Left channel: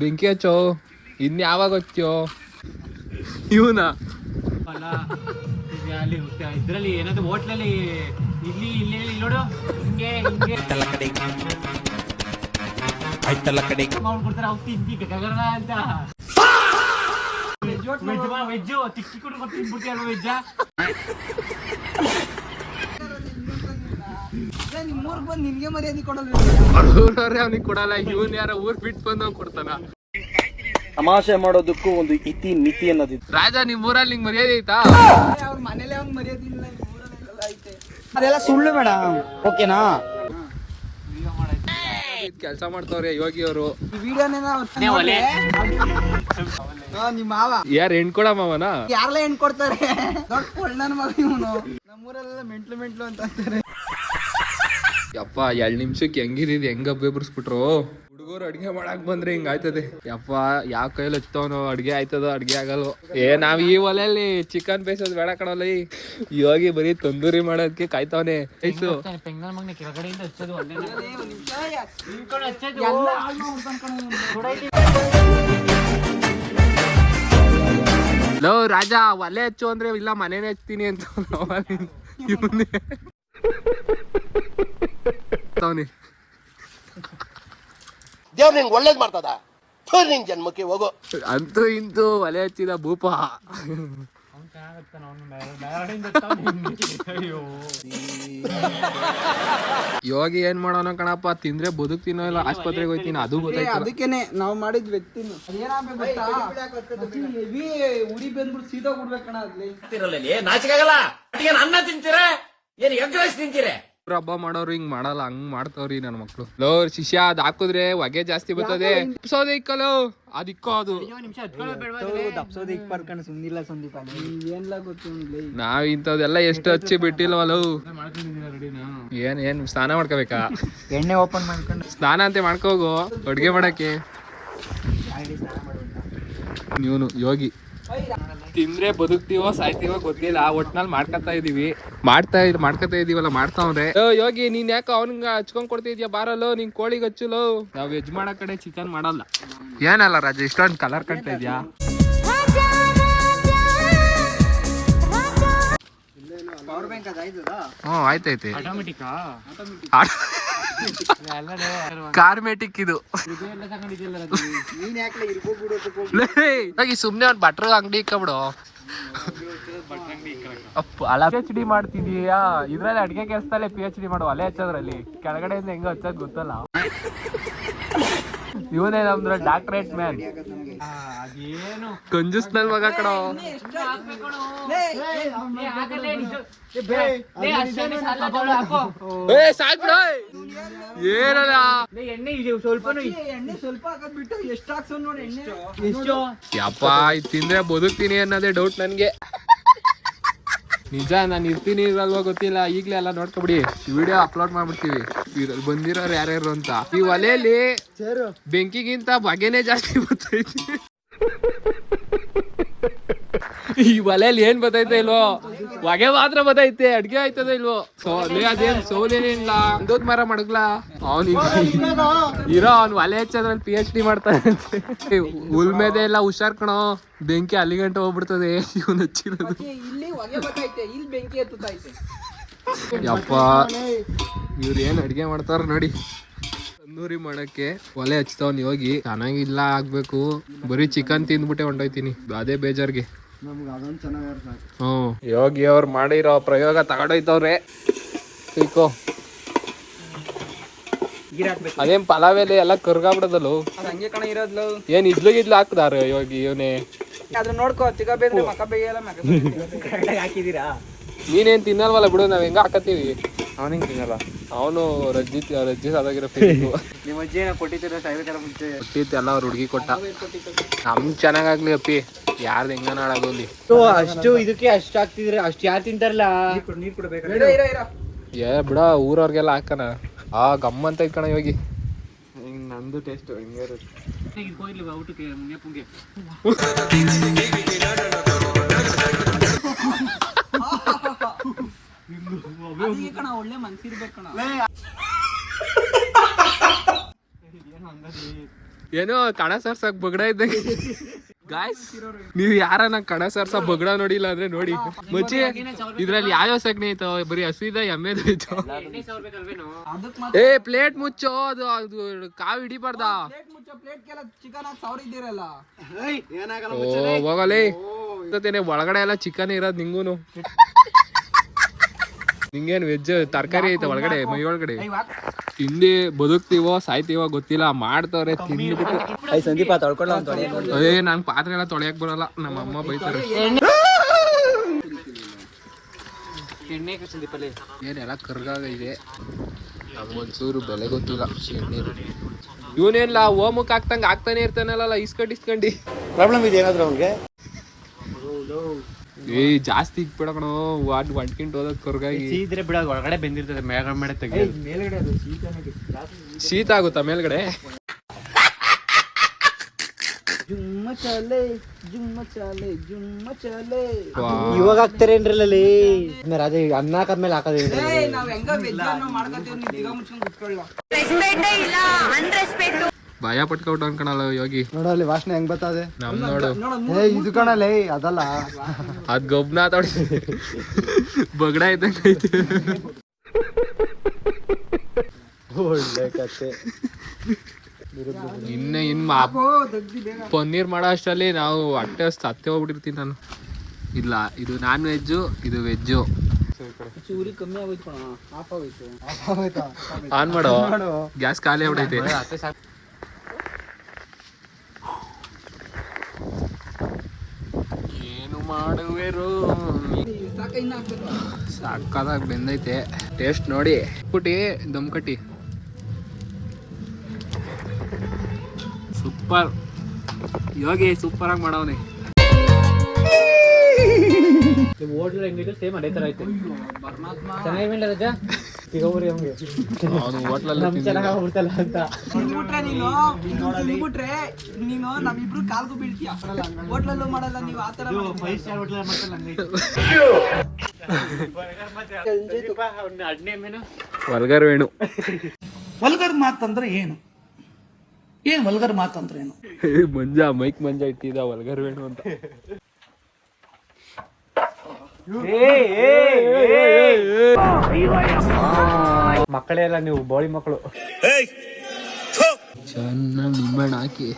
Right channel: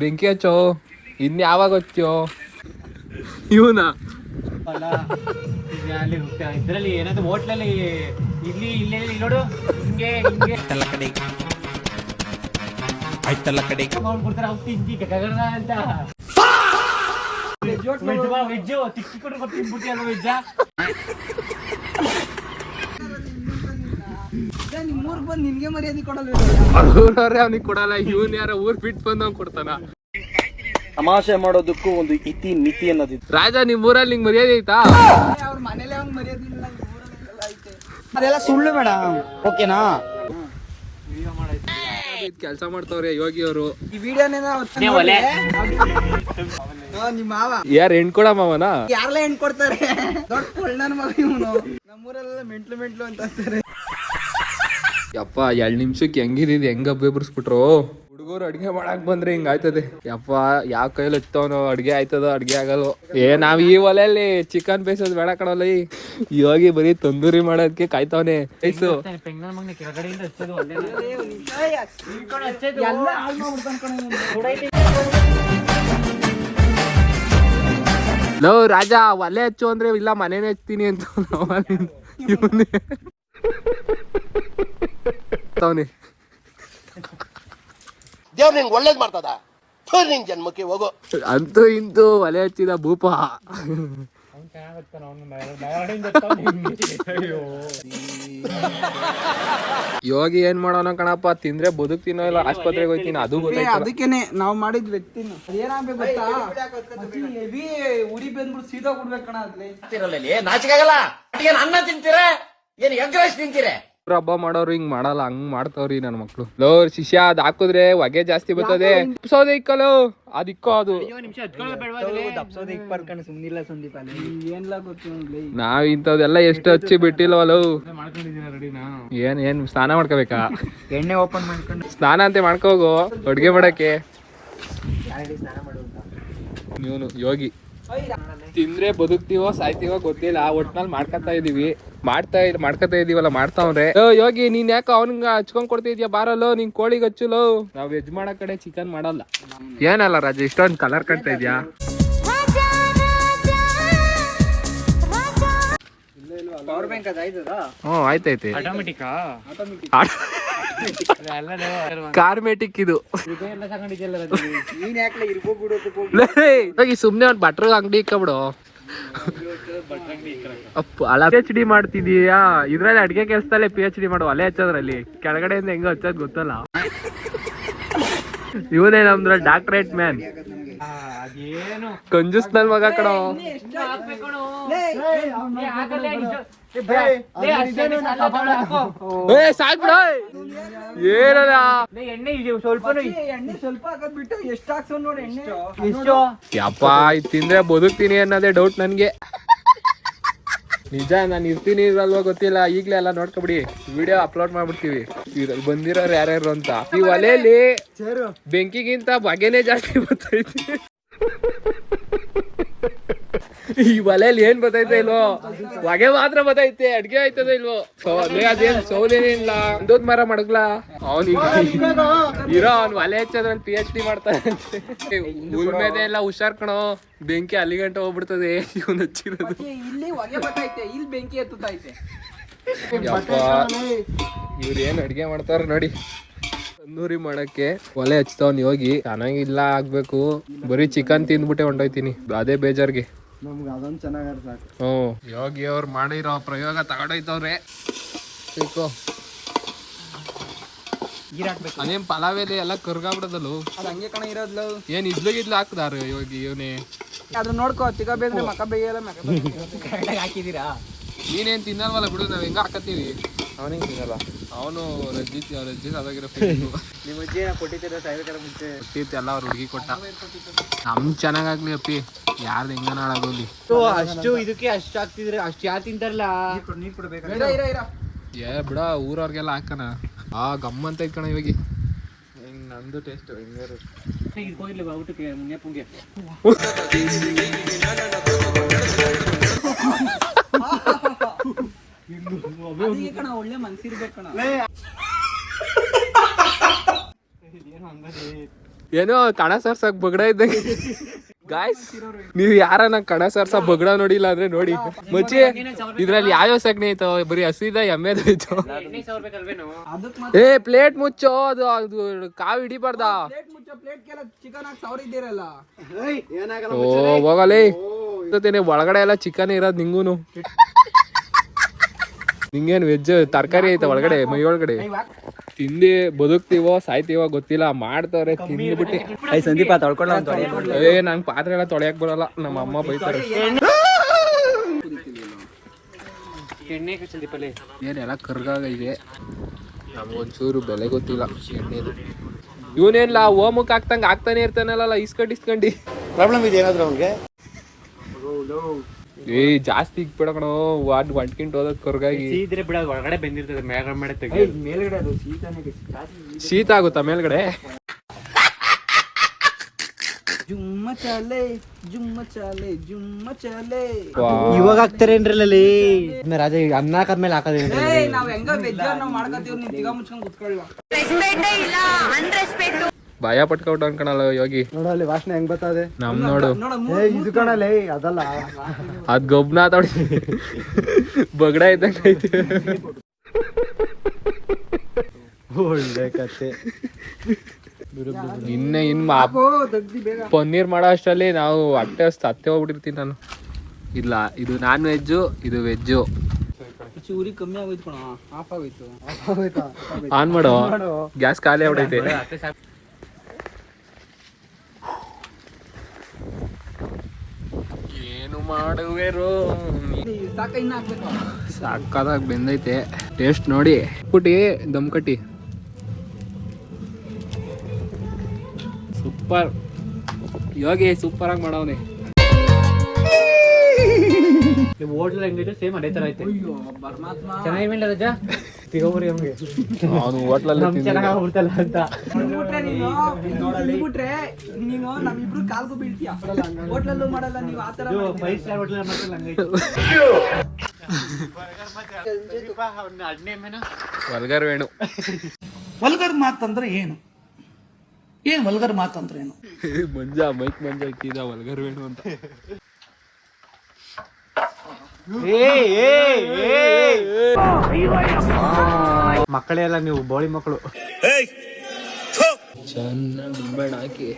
ಬೆಂಕಿ ಹಚ್ಚೋ ಇನ್ ಯಾವಾಗ ಹಚ್ಚೋ ಇವನ ಇದ್ರಲ್ಲಿ ಏನಾದ್ರು ಹೋಟ್ಲಲ್ಲಿ ಇಲ್ಲಿ ಇಲ್ಲೇ ನೋಡು ಹಿಂಗೆ ಹಿಂಗೆ ಆಯ್ತಲ್ಲ ಕಡೆ ಕೊಡ್ತಾರೆ ಅಂತ ವೆಜ್ ತಿಕ್ಕಿ ಕೊಟ್ಟು ತಿನ್ಬಿಡ್ತೀಯ ವೆಜ್ಜ ನಿಮ್ಗೆ ಮರ್ಯಾದೆ ಕೊಡಲ್ಲ ಅವ್ನಿಗೆ ಕೊಡಲ್ಲ ಇವನ್ ಯಾರ ಊರ್ ಬಿಟ್ಟು ಬಂದವ್ ಕೊಡ್ತಾನ ತಮಾಷೆ ಮಾಡೋದಕ್ಕೂ ಒಂದು ಇತಿ ಮಿತಿ ಅನ್ನೋದಿತ್ತು. ರಾಜ ನಿಮ್ ಊರಲ್ಲಿ ನಿಂಗೆ ಮರ್ಯಾದೆ ಐತಾ? ಅವ್ರ ಮನೇಲೆ ಅವ್ನ್ ಮರ್ಯಾದೆ ಇಲ್ಲ, ಐತೆ. ಅದೆಲ್ಲ ಸುಳ್ಳು ಮೇಡಮ್, ಓಕೆನಾ? ಕೆಲಸ ಮಾಡ್ತಾವ್ರೆ ಯೋಗಿ ಅವರು. ಈ ವಿಡಿಯೋನೇನ ನಿಮ್ಮ ಮಾವ ಯಾರು ಹೆಣ್ ಕೊಡ ಮಾವನ ಯಾರೆಲ್ಲ ಹೆಣ್ ಕೊಡ್ತಾರೆ? ದೊಡ್ಡ ಕೊಳ್ಳನ ಮಗ ಇವನು. ನಮ್ಮೂರಲ್ಲೆಲ್ಲ ಮೆಂಟ್ಲು ಅಂತ ಅಂತಾರೆ. ಯಪ್ಪ 2 ನಿಮಿಷಕ್ಕೆ ಹೆಂಗಿದ್ ಹೆಂಗ ಬೇಬರ್ಸ್ಬಿಟ್ರು. ಹುಡುಗರು ಅಡ್ಗೆ ಮಾಡಕ್ ಬಂದ್ರೆ ಹಿಂಗ ಆಯ್ತದೆ. ಯಪ್ಪ ಯಾವ ಕೈಯಲ್ಲಿ ಹತ್ತವನು ಅಡ್ಗೆ ಆಯ್ತದೋ ಅಡ್ಗೆ ಆಗಲ್ಲ. ನಾವ್ ಈ ಒಲೆಯಲ್ಲಿ ಚಿಕನ್ ಬೇಯಿಸೋದು ಬೇಡ ಕಣಲ್ಲ. ಯೋಗಿ ಬರೀ ತಂದೂರಿ ಮಾಡೋದಕ್ಕೆ ಕಾಯ್ತವನೆ. ಲೋ ರಾಜ ಒಲೆ ಹಚ್ಚು ಅಂದ್ರೆ ಇಲ್ಲ ಮನೇನೆ ಹಚ್ತೀನಿ ಅಂತ ದೇವ್ರ ನಿಂಗೆ ಒಳ್ಳೇದ್ ಮಾಡ್ತದ, ನಿಂಗೆ ಜನ್ಮಕ್ಕೆ ಹೋಗೋ. ಅಂತೂ ಇಂತೂ ಒಲೆ ಹಚ್ಚಿದ ಭೂಪ. ಯೋಗಿ ಏನ್ ಮಾಡೋಣ ಕಣಪ್ಪ, ತಿಂದ್ರೆ ಬದುಕ್ತೀನೋ ಇಲ್ಲ ಆಸ್ಪತ್ರೆಗೆ ಹೋಗ್ತೀನಿ ಅದು ಗೊತ್ತಾಯ್ತು. ಅದಕ್ಕೇನೆ ನಾವ್ ಮಾಡಿದ್ ವ್ಯಕ್ತಿ ಏನಾಗ್ಬೇಕು ಗೊತ್ತಾ, ಹೆವಿ ಉರಿ ಬಂದ್ಬಿಟ್ಟು ಸೀದಾ ಬಿಡ್ಬೇಕಣ. ನಾಚಿಕಾಗಲ್ಲ. ಅನ್ನ ತಿಂತೀರ ಏನ್ ಎಗ್ ರೈಸ್ ತಿಂತೀರ? ಹಬ್ಬ ಮಾಡೋರು ಹಿಂಗ್ ಮಾಡಲ್ಲ, ಹಂಗ್ ಮಾಡ್ತಾವ್ರಿ ನನ್ ಮಕ್ಳು. ಲೋ ಶಿಷ್ಯ ಅದ್ ಹಾಕುದ್ರೆ ಹೊಗೆ ಜಾಸ್ತಿ ಬರ್ತದೆ. ಸೋದೆ ಇಕ್ಕಲು ಅದಿಕ್ಕೋ ಅದು ನಾವ್ ಇಂಥದೆಲ್ಲ ಎಷ್ಟು ಹಚ್ಚಿ ಬಿಟ್ಟಿಲ್ವಲ್ಲ. ಏನ್ ಸ್ನಾನ ಮಾಡ್ಕೋಬೇಕಾ? ಎಣ್ಣೆ ಓಪನ್ ಮಾಡ್ಕೊಂಡು ಸ್ನಾನ ಅಂತ ಮಾಡ್ಕೋಗು ಅಡ್ಗೆ ಮಾಡಕ್ಕೆ. ನೀನು ಯೋಗಿ ತಿಂದ್ರೆ ಬದುಕ್ತೀವೋ ಸಾಯ್ತೀವೋ ಗೊತ್ತಿಲ್ಲ, ಒಟ್ನಲ್ಲಿ ಮಾಡ್ಕೊತಾ ಇದೀವಲ್ಲ ಮಾಡ್ತಾವ್ರೆ. ಯೋಗಿ ನೀನ್ ಯಾಕ ಅವನ್ಗ ಹಚ್ಕೊಂಡ್ ಕೊಡ್ತಿದ್ಯಾ? ಬಾರಲ್ಲೋ ನಿನ್ ಕೋಳಿಗೆ ಹಚ್ಚುಲೋ. ನಾವ್ ವೆಜ್ ಮಾಡೋ ಕಡೆ ಚಿಕನ್ ಮಾಡಲ್ಲ. ಏನಲ್ಲ ರಾಜ ಇಷ್ಟೊಂದು ಕಲರ್ ಕಟ್ತಾ ಇದ್ಯಾ? ಹ್ಮ್ ಆಯ್ತೈತೆ. ಕಾರ್ಮೆಟಿಕ್ ಇದು. ಸುಮ್ನೆ ಅವ್ನ್ ಭಟ್ರ ಅಂಗಡಿ ಇಕ್ಕಬಿಡು. PhD ಮಾಡ್ತಿದೀಯಾ ಇದ್ರಲ್ಲಿ? ಅಡ್ಗೆ ಕೆಲ್ಸದಲ್ಲೇ PhD ಮಾಡು. ಒಲೆ ಹಚ್ಚೋದ್ರಲ್ಲಿ ಕೆಳಗಡೆಯಿಂದ ಹೆಂಗ ಹಚ್ಚೋದ್ ಗೊತ್ತಲ್ಲ. ಇವನೇ ನಮ್ದ್ರ ಡಾಕ್ಟರೇಟ್ ಮ್ಯಾನ್. ಕಂಜೂಸ್ ನನ್ ಮಗ ಕಣೋ. ಏನಲ್ಲ ಸ್ವಲ್ಪ ಹಾಕೋದ್ ಬಿಟ್ಟು ಎಷ್ಟು ಹಾಕ್ಸೋ ನೋಡಿ ಎಣ್ಣೆ. ಯಪ್ಪ ಇದ್ ತಿಂದ್ರೆ ಬದುಕ್ತೀನಿ ಅನ್ನೋದೇ ಡೌಟ್ ನನ್ಗೆ. ನಿಜ ನಾನು ಇರ್ತೀನಿ ಇರಲ್ವಾ ಗೊತ್ತಿಲ್ಲ. ಈಗ್ಲೇ ಎಲ್ಲ ನೋಡ್ಕೊಬಿಡಿ, ವಿಡಿಯೋ ಅಪ್ಲೋಡ್ ಮಾಡ್ಬಿಡ್ತೀವಿ ಬಂದಿರೋರು ಯಾರ್ಯಾರು ಅಂತ. ಈ ಒಲೆಯಲ್ಲಿ ಬೆಂಕಿಗಿಂತ ಬಗೆನೇ ಜಾಸ್ತಿ ಬರ್ತೈತಿ. ಈ ಒಲೆಯಲ್ಲಿ ಏನ್ ಬತ್ತೈತೆ ಇಲ್ವೋ, ಹೊಗೆ ಮಾತ್ರ ಬತ್ತೈತೆ. ಅಡ್ಗೆ ಆಯ್ತದ ಇಲ್ವೋ? ಅದೇನ್ ಸೌದೇನಿಲ್ಲ. ಅಂದೋದ್ ಮರ ಮಡಗ್ಲಾ ಅವನಿಗೆ ಇರೋ. ಅವ್ನು ಒಲೆ ಹಚ್ಚೋದ್ರಲ್ಲಿ PhD ಮಾಡ್ತಾನೆ. ಉಲ್ಮೇದೆ ಎಲ್ಲ ಹುಷಾರ್ ಕಣೋ, ಬೆಂಕಿ ಅಲ್ಲಿ ಗಂಟೆ ಹೋಗ್ಬಿಡ್ತದೆ ಇವನು ಹಚ್ಚಿರೋದು. ಯಪ್ಪ ಇವ್ರು ಏನ್ ಅಡ್ಗೆ ಮಾಡ್ತಾರ ನೋಡಿ. ತಂದೂರಿ ಮಾಡಕ್ಕೆ ಒಲೆ ಹಚ್ತಾವ್ನ ಯೋಗಿ. ಚೆನ್ನಾಗಿಲ್ಲ ಆಗ್ಬೇಕು, ಬರೀ ಚಿಕನ್ ತಿಂದ್ಬಿಟ್ಟೆ ಹೊಂಟೋಯ್ತೀನಿ ಅದೇ ಬೇಜಾರ್ಗೆ. ಹ್ಮ್ ಯೋಗಿ ಅವ್ರು ಮಾಡಿರೋ ಪ್ರಯೋಗ ತಗೊಂಡೋಯ್ತವ್ರೆ. ಸಿಕ್ಕೋ ಅದೇನ್ ಪಲಾವೆಲೆ ಎಲ್ಲ ಕರ್ಗಾಬಿಡದಲ್ಲ. ಏನ್ ಇದ್ಲು ಹಾಕ್ದಾರ ಯೋಗಿ ಇವನೇ. ಅದ್ರ ನೋಡ್ಕೋ, ಚಿಕ್ಕ ಬೇದ್ರೆ ಮಕ ಬೇಯಲ್ಲ. ಹಾಕಿದೀರಾ? ನೀನೇನ್ ತಿನ್ನಲ್ವಲ್ಲ ಬಿಡು, ನಾವ್ ಹೆಂಗ ಹಾಕತ್ತೀವಿ. ಅವನಿಗೆ ತಿನ್ನಲ್ಲ. ಅವನು ರಜ್ಜಿ ಅದಾಗಿರೋ ಕೊಟ್ಟಿತ್ತು ಎಲ್ಲ ಅವ್ರ ಹುಡುಗಿ ಕೊಟ್ಟ. ನಮ್ ಚೆನ್ನಾಗಾಗ್ಲಿ ಅಪ್ಪಿ, ಯಾರ್ದು ಹೆಂಗನ ಹಾಳಾಗೋಲಿ. ಅಷ್ಟು ಇದಕ್ಕೆ ಅಷ್ಟು ಹಾಕ್ತಿದ್ರಿ, ಅಷ್ಟು ಯಾರು ತಿಂತಾರಲ್ಲ. ನೀರ್ ಕೊಡ್ಬೇಕು. ಏ ಬಿಡ, ಊರವ್ರಿಗೆಲ್ಲ ಹಾಕನ. ಗಮ್ಮಂತ ಇಟ್ಕಣ ಯೋಗಿ. ಹಿಂಗ್ ನಂದು ಟೇಸ್ಟ್ ಹಿಂಗೆ ಊಟಕ್ಕೆ ಮುಂಗೆ ಒಳ್ಳೆ ಮನ್ಸಿರ್ಬೇಕು ಕಣ. ಏನೋ ಕಣ ಸರ್ಸಕ್ ಬಗಡ ಇದ್ದಂಗೆ ಗಾಯ್ಸ್ ನೀವ್ ಯಾರನ್ನ ಕಣ ಸರ್ಸ ಬಗಡ ನೋಡಿಲ್ಲ ಅಂದ್ರೆ ನೋಡಿ ಮಚ್ಚಿ ಇದ್ರಲ್ಲಿ ಯಾವ್ಯಾವ ಸಗಣಿ ಐತೋ ಬರೀ ಹಸಿದ ಎಮ್ಮೆದ ಐತೋ ಎಣ್ಣೆ ಸಾವಿರಬೇಕಲ್ವೇನು ಅದಕ್ಕೆ ಮತ್ತೆ ಏ ಪ್ಲೇಟ್ ಮುಚ್ಚೋ ಅದು ಕಾವು ಹಿಡಿಬಾರ್ದ ಪ್ಲೇಟ್ ಮುಚ್ಚೋ ಪ್ಲೇಟ್ಗೆಲ್ಲ ಚಿಕನ್ ಹಾಕಿ ಸಾವಿರ ಇದ್ದೀರಲ್ಲ ಓ ಹೋಗಲೇ ಒಳಗಡೆ ಎಲ್ಲ ಚಿಕನ್ ಇರೋದ್ ನಿಂಗೂನು ನಿಂಗೇನ್ ವೆಜ್ ತರಕಾರಿ ಐತ ಒಳಗಡೆ ಮೈ ಒಳಗಡೆ ತಿಂದಿ ಬದುಕ್ತಿವೋ ಸಾಯ್ತೀವೋ ಗೊತ್ತಿಲ್ಲ ಮಾಡ್ತವ್ರೆ ತಿಂದ್ಬಿಟ್ಟು ಸಂದೀಪ ಏ ನಂಗ್ ಪಾತ್ರೆ ಎಲ್ಲ ತೊಳೆಯಕ್ ಬರಲ್ಲ ನಮ್ಮ ಅಮ್ಮ ಬೈತಾರೆ ಎಣ್ಣೆ ಸಂದೀಪಲ್ಲಿ ಏನೆಲ್ಲ ಕರ್ಗಾಗಿದೆ ನಮ್ಗೊಂಚೂರು ಬೆಲೆ ಗೊತ್ತಿಲ್ಲ ಎಣ್ಣೆದು ಇವನೇನ್ಲ ಓಮಕ್ ಹಾಕ್ತಂಗ ಆಗ್ತಾನೆ ಇರ್ತಾನಲ್ಲ ಇಸ್ಕೊಂಡಿ ಪ್ರಾಬ್ಲಮ್ ಇದೆ ಏನಾದ್ರು ಅವ್ನಿಗೆ ಏ ಜಾಸ್ತಿ ಇಕ್ಬಿಡ ಕಣೋ ವಾಡ್ ಒಂಟ್ಕಿಂಟ್ ಹೋದದ್ ಕರ್ಗಾಗಿ ಇದ್ರೆ ಬಿಡ ಒಳಗಡೆ ಬೆಂದಿರ್ತದೆ ಮೇಲ್ಗಡೆ ತೆಗಿ ಮೇಲ್ಗಡೆ ಅದು ಶೀತನೇ ಶೀತ ಆಗುತ್ತಾ ಮೇಲ್ಗಡೆ ಜುಮ್ಮ ಚಾಲೆ ಜುಮ್ಮ ಚಾಲೆ ಜುಮ್ಮ ಚಾಲೆ ಇವಾಗ ಹಾಕ್ತಾರೇನ್ರಲ್ಲಿ ರಾಜ ಅನ್ನ ಹಾಕದ್ಮೇಲೆ ಹಾಕೋದೇ ಏ ನಾವ್ ಹೆಂಗ ವೆಜ್ ನಾವ್ ಮಾಡ್ಕೊತೀವಿ ನೀವ್ ದಿಗ ಮುಚ್ಕೊಂಡ್ ಕುತ್ಕೊಳ್ಳ ಭಯ ಪಟ್ಕೊಟ್ಟು ಅನ್ಕಣಲ್ಲ ಯೋಗಿ ನೋಡಲ್ಲಿ ವಾಸನೆ ಹೆಂಗ್ ಬರ್ತದೆ ನಮ್ ನೋಡು ಇದು ಕಣಲೆ ಅದಲ್ಲ ಅದ್ ಗೊಬ್ನ ತೊಡಿ ಬಗಡ ಇದ್ದಂಗ ಐತೆ ದಗ್ದಿ ಬೇಗ ಪನ್ನೀರ್ ಮಾಡೋ ಅಷ್ಟರಲ್ಲಿ ನಾವು ಹೊಟ್ಟೆ ಸತ್ತೆ ಹೋಗ್ಬಿಟ್ಟಿರ್ತೀನಿ ನಾನು ಇಲ್ಲ ಇದು ನಾನ್ ವೆಜ್ಜು ಇದು ವೆಜ್ಜು ಚೂರಿ ಕಮ್ಮಿ ಆಗೋಯ್ತು ಆಫ್ ಆಗೋಯ್ತು ಆನ್ ಮಾಡೋ ಗ್ಯಾಸ್ ಖಾಲಿ ಆಗ್ಬಿಟ್ಟೈತೆ ಏನು ಮಾಡುವೆರು ಸಾಕ ಇನ್ನ ಹಾಕ್ಬೇಕು ಸಾಕಾದಾಗ ಬೆಂದೈತೆ ಟೇಸ್ಟ್ ನೋಡಿ ಪುಟಿ ದಮ್ ಕಟ್ಟಿ ಸೂಪರ್ ಯೋಗಿ ಸೂಪರ್ ಆಗಿ ಮಾಡವನೆ ಹೋಟ್ಲ್ ಹೆಂಗಿತ್ತು ಸೇಮ್ ಅದೇ ತರ ಐತೆ ಪರಮಾತ್ಮ ಚೆನ್ನಾಗಿಲ್ಲ ರಜ ಅವನು ಹೋಟ್ಲಲ್ಲಿ ಅಂತ ತಿಂದ್ಬಿಟ್ರೆ ನೀನು ತಿಂದ್ಬಿಟ್ರೆ ನೀನು ನಮ್ಮಿಬ್ರು ಕಾಲ್ಗೂ ಬೀಳ್ತೀಯ ಹೋಟ್ಲಲ್ಲೂ ಮಾಡಲ್ಲ ನೀವು ಆತರ 5 ಸ್ಟಾರ್ ಹೋಟ್ಲ್ ಮಾಡ್ತಲ್ಲ ಹಂಗೈತೆ ವಲ್ಗರ್ ವೇಣು ವಲ್ಗರ್ ಮಾತಂದ್ರೆ ಏನು ಏನ್ ವಲ್ಗರ್ ಮಾತಂದ್ರೆ ಏನು ಮಂಜ ಮೈಕ್ ಮಂಜ ಇಟ್ಟಿದ ವಲ್ಗರ್ ವೇಣು ಅಂತ ಮಕ್ಕಳೆಲ್ಲ ನೀವು ಬೋಳಿ ಮಕ್ಕಳು ಚೆನ್ನಾಗಿ ನಿಂಬೆಹಣ್ಣು ಹಾಕಿ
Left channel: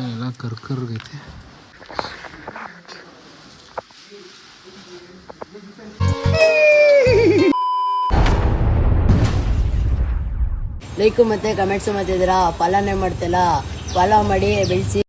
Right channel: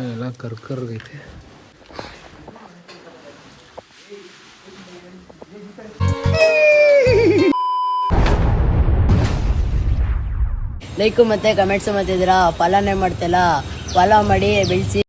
ಎಲ್ಲ ಕರ್ಕರ್ಗೈತೆ ಲೈಕ್ ಮತ್ತೆ ಕಮೆಂಟ್ಸ್ ಮಾಡ್ತಿದ್ದೀರಾ ಫಾಲೋನೇ ಮಾಡ್ತಿಲ್ಲ ಫಾಲೋ ಮಾಡಿ ಬೆಳೆಸಿ